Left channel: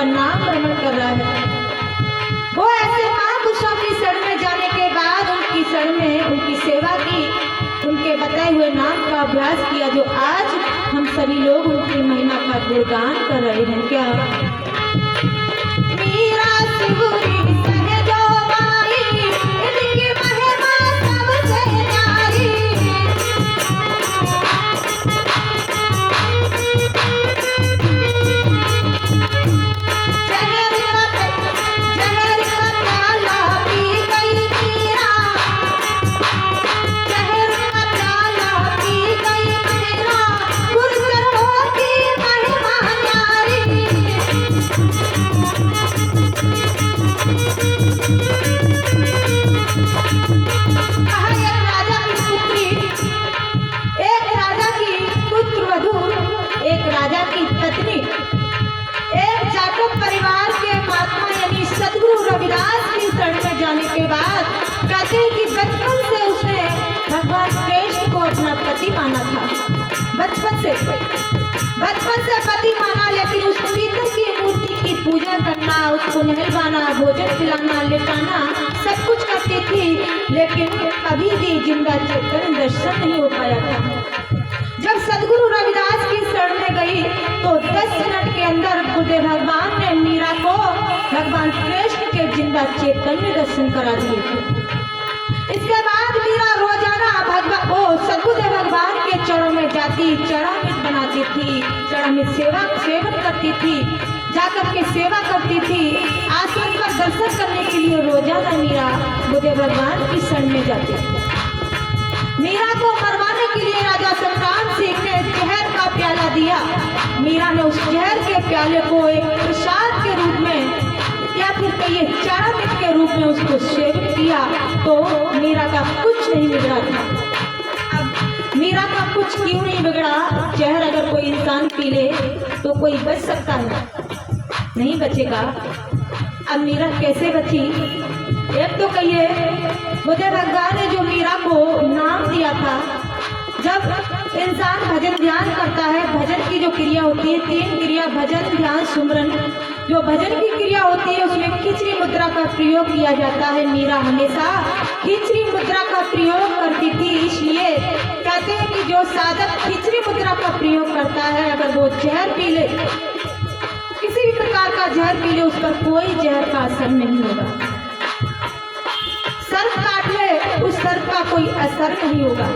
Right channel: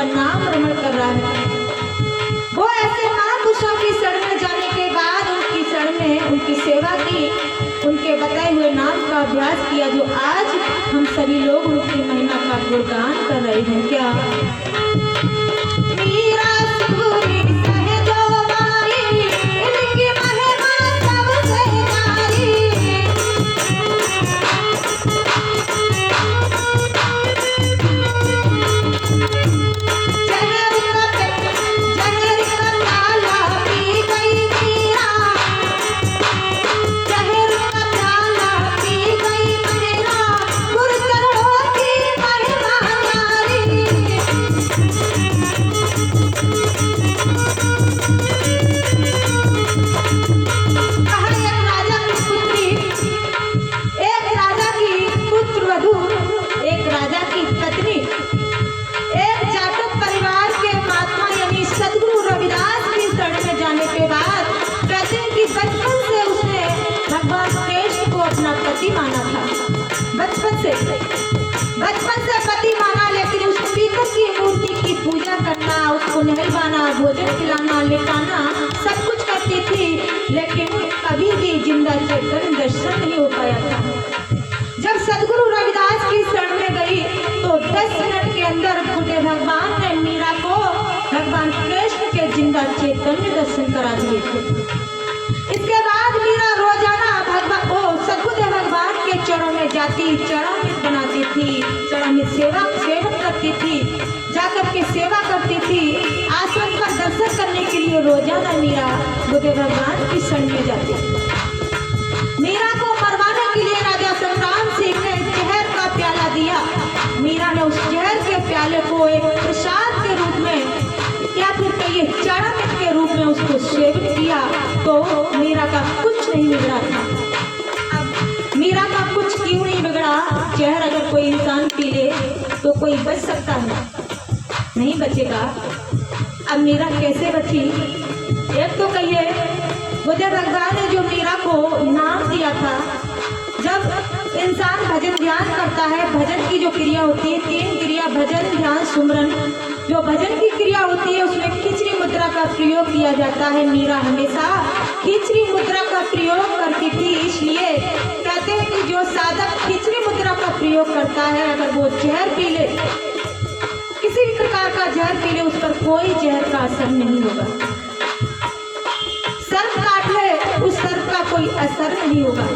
उसका नाम रमण कर रहा है। वो ऐसे महापुरुषों की शरण में जाने के बाद उनकी शरण में उनकी सेवा की, उनके बताए हुए नाम का अभ्यास किया, जो आज हम सभी लोग उनकी महिमा का गुणगान कर रहे हैं। क्या मीरा सुगुरी सहजो बाई, इनकी महिमा सबसे न्यारी। बचपन से पति माना, लेकिन उस पीतल की मूर्ति की पूजा करना, उसको नहलवाना, भोजन खिलाना, लेटाना सब कुछ करती थी, लेकिन कभी भी जिंदा चेतन दर्शन नहीं हो पाया था। जब सदगुरु रविदास की शरण में गई तो 10 मिनट के अंदर गुरुदेव भगवान ने मीरा को भगवान कृष्ण के जिंदा चैतन्य दर्शन करा दिए थे। इसके बाद मीरा रोजाना सदगुरुदेव भगवान के चरणों में जाती, चरणामृत बनाती थी, चरणामृत सेवन करती थी, जाकर के सेवा करती थी। आसन पर दर्शन करने के लिए रोजाना मीरा गुरुदेव भगवान की शरण में जाती थी। मीरा को मरवाने के लिए राजा संग्राम सिंह ने जहर का प्याला दिया। मीरा ने उस जहर के प्याले को एक प्रसाद के रूप में या फिर कहिए चरणामृत के रूप में उसको सेवन किया, तो मीरा का कुछ नहीं बिगड़ा था। अब मीरा का कुछ क्यों नहीं बिगड़ा? जहर अगर कोई इंसान पी ले तो कोई बच सकता है? नहीं बचेगा। अब मीरा कैसे बची? एक तो कहिए गुरुदेव भगवान ने जो मीरा को नाम दिया था, जब इंसान भजन ध्यान करता है, भजन की जो क्रिया होती है, 3 क्रिया भजन ध्यान सुमरन, जो भजन की क्रिया होती है उसमें खिचड़ी मुद्रा का प्रयोग किया जाता है। मीरा हमेशा खिचड़ी मुद्रा का प्रयोग करती थी, इसलिए कहते हैं कि जो साधक खिचड़ी मुद्रा का प्रयोग करता है, अगर वो जहर पी ले, किसी भी प्रकार का जहर पी ले, उस पर कोई जहर का असर नहीं होगा। सर्प काट ले, उस सर्प का कोई असर नहीं होगा।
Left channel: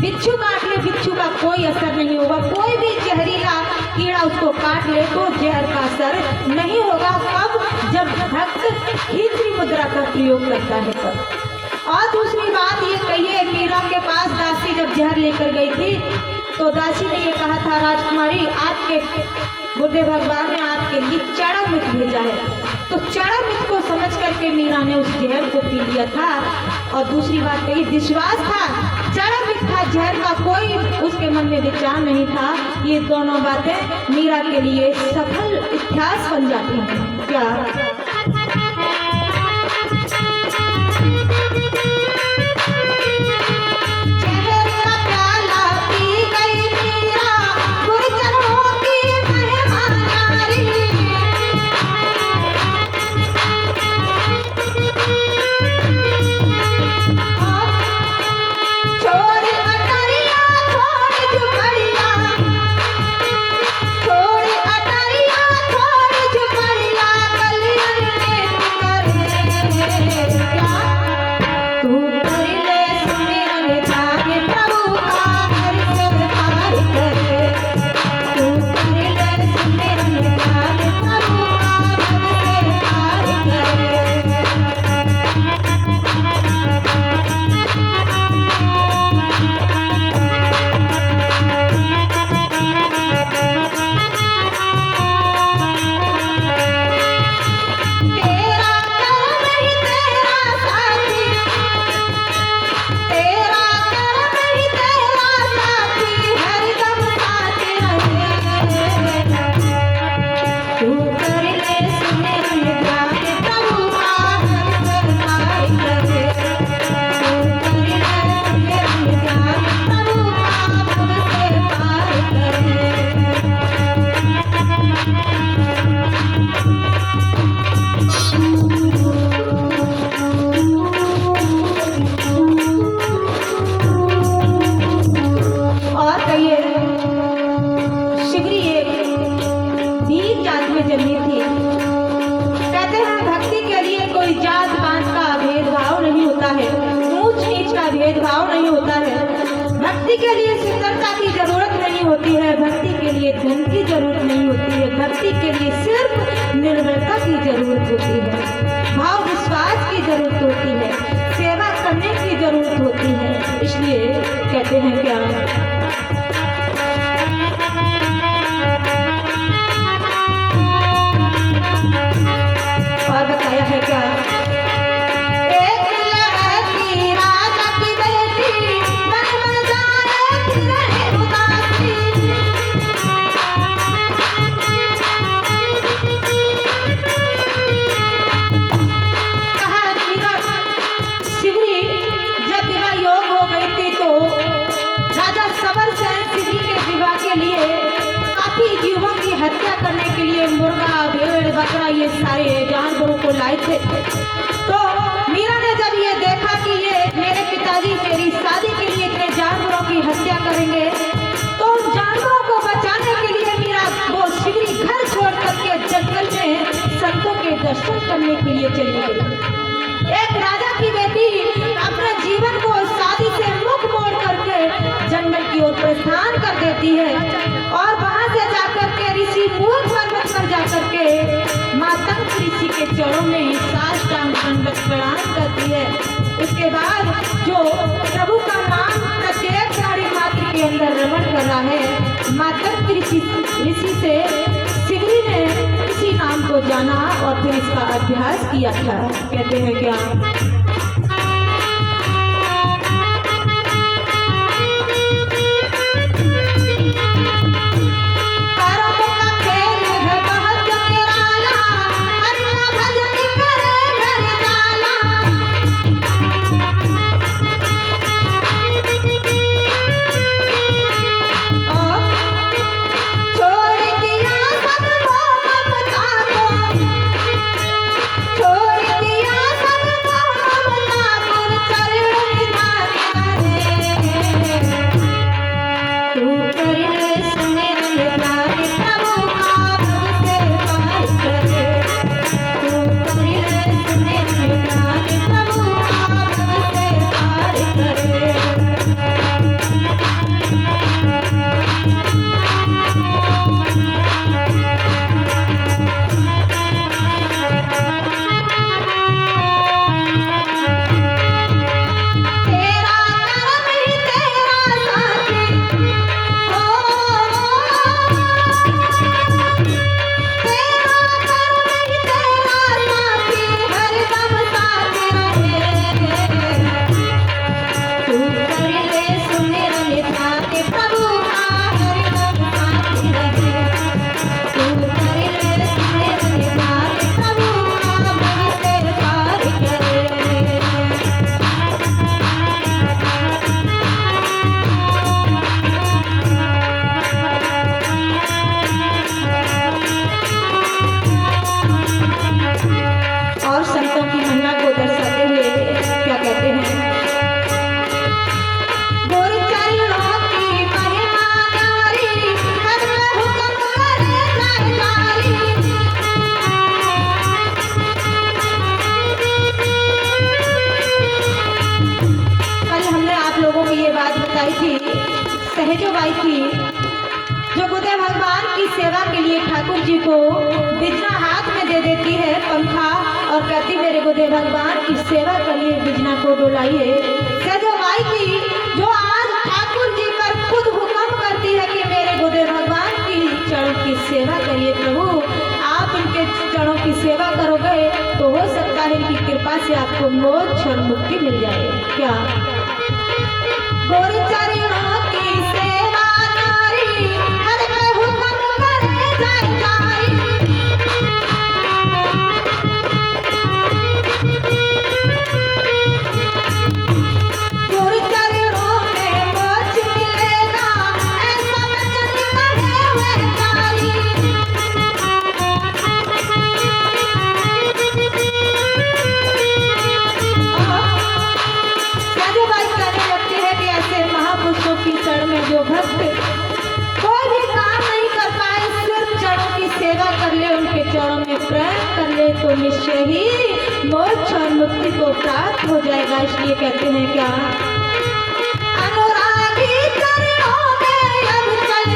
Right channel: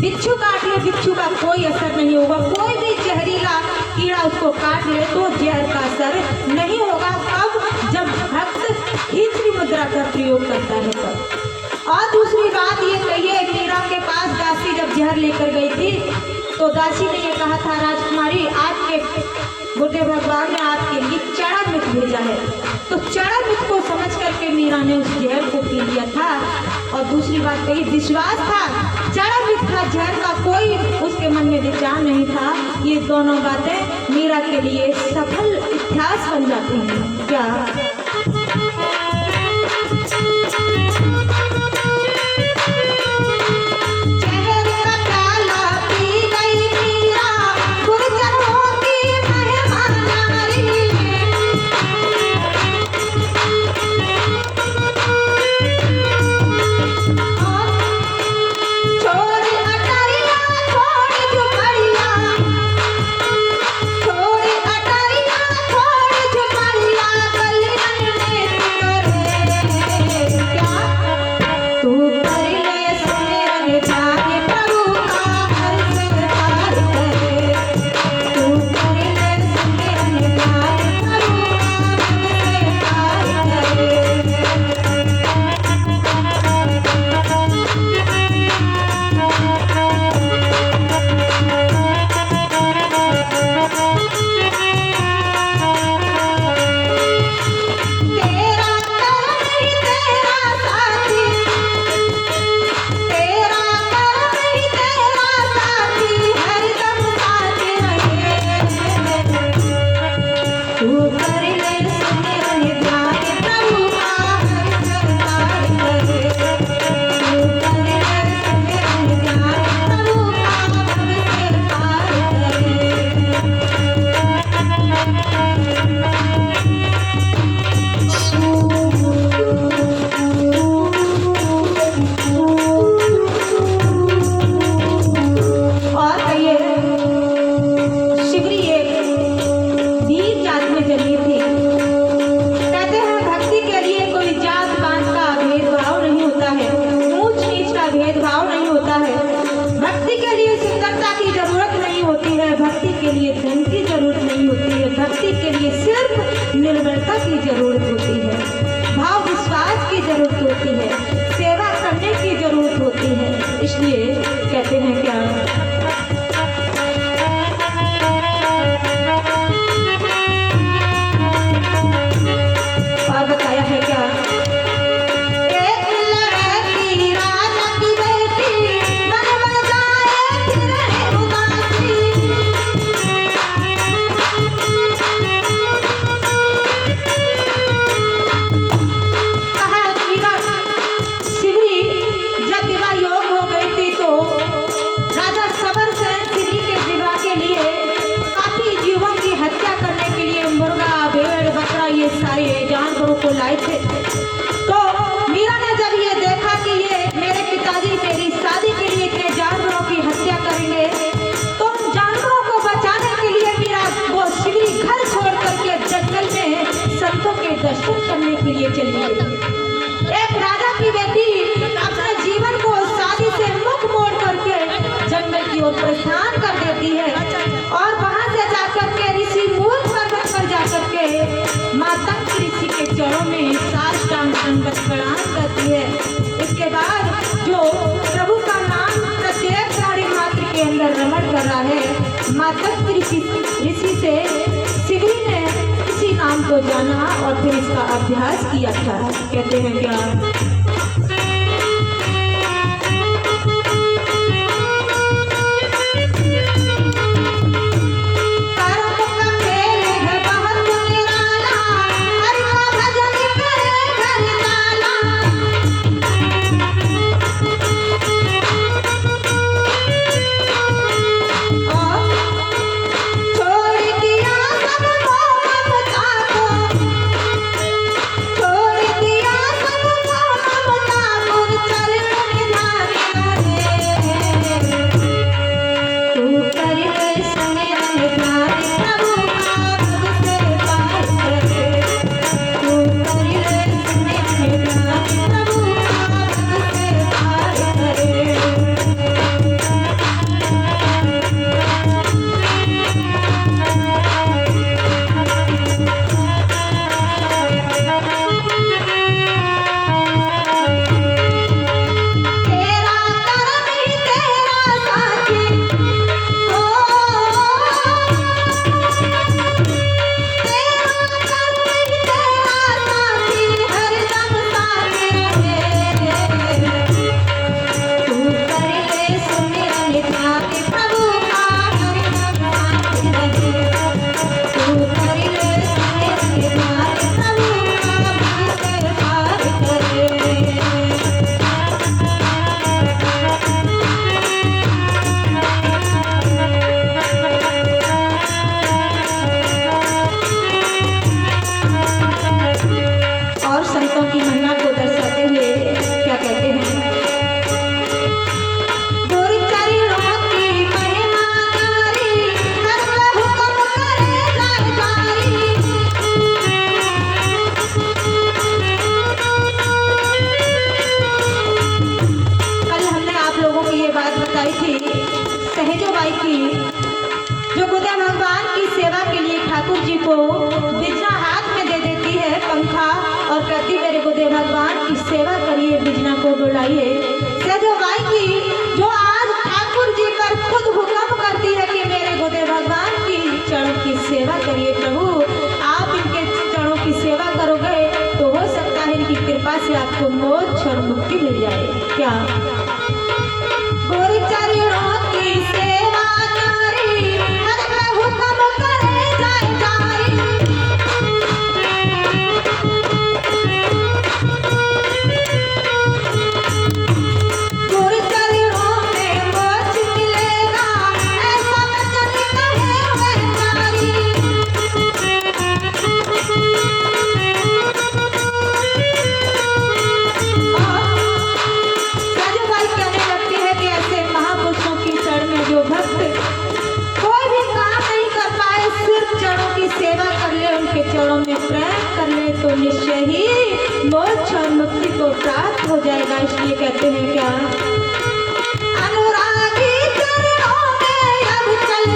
बिच्छू काट ले, बिच्छू का कोई असर नहीं होगा। कोई भी जहरीला कीड़ा उसको काट ले तो जहर का असर नहीं होगा। कब? जब भक्त खिचड़ी मुद्रा का प्रयोग करता है तब। और दूसरी बात ये कहिए, मीरा के पास दासी जब जहर लेकर गई थी तो दासी ने ये कहा था, राजकुमारी आपके गुरुदेव भगवान ने आपके लिए चरणामृत भेजा है। तो चरणामृत को समझ करके मीरा ने उस जहर को पी लिया था। और दूसरी बात कही, विश्वास था, चरणामृत था, जहर का कोई उसके मन में विचार नहीं था। ये दोनों बातें मीरा के लिए सफल इतिहास बन जाती हैं। क्या ऋषि के लिए सिर्फ निर्भरता की जरूरत होती है, भाव विश्वास की जरूरत होती है, सेवा करने की जरूरत होती है। इसलिए कहते हैं क्या, और बताया है क्या, एक लड़की राजा की बेटी मन मन जाए फिरे उदासी। ये सारे जानवरों को लाए थे, तो मीरा ने जब ये देखा कि ये मेरे पिताजी मेरी शादी के लिए इतने जानवरों की हत्या करेंगे, तो उन जानवरों को बचाने के लिए मीरा वो शिवरी घर छोड़ करके जंगल में संतों के दर्शन करने के लिए चली गई। एक राजा की बेटी अपने जीवन को शादी से मुख मोड़ करके जंगल की ओर प्रस्थान कर देती है और वहां से जाकर के ऋषि मूल पर्वत पर जाकर के माता ऋषि के चरणों में साष्टांग दंडवत प्रणाम करती है। इसके बाद जो प्रभु का नाम प्रत्येक साड़ी मात्र के अंदर रमण कर रहा है, माता ऋषि से सिगरी ने इसी नाम को जाना और फिर इसका अभ्यास किया था। कहते हैं क्या, सहजोबाई की जो गुरुदेव भगवान की सेवा के लिए ठाकुर जी को बिजना हाथ में दे देती है पंखा और कहती मेरे गुरुदेव भगवान की सेवा करिए, बिजना को डुलाइए। सहजोबाई की जो आज ठाकुर जी पर खुद हुक्म करती है कि मेरे गुरुदेव भगवान की चरणों की सेवा करिए। प्रभु आप इनके चरणों की सेवा करोगे तो हो सकता है इनकी कृपा से आपको मोक्ष और मुक्ति मिल जाए। क्या गुरु चरणों की सेवा नारी हर पे हुक्म करे जाए जारी। गुरु चरणों में मोक्ष मिलेगा ऐसा वचन कहे हुए नारी। जो भक्त कोई भी काम नहीं कर पाए, सिर्फ चरणों की सेवा कर ले, उनके चरणों में प्रेम कर ले तो निश्चय ही मोक्ष और मुक्ति को प्राप्त हो जाएगा। इसलिए कहते हैं क्या, अनुरागी चरणों में अब चल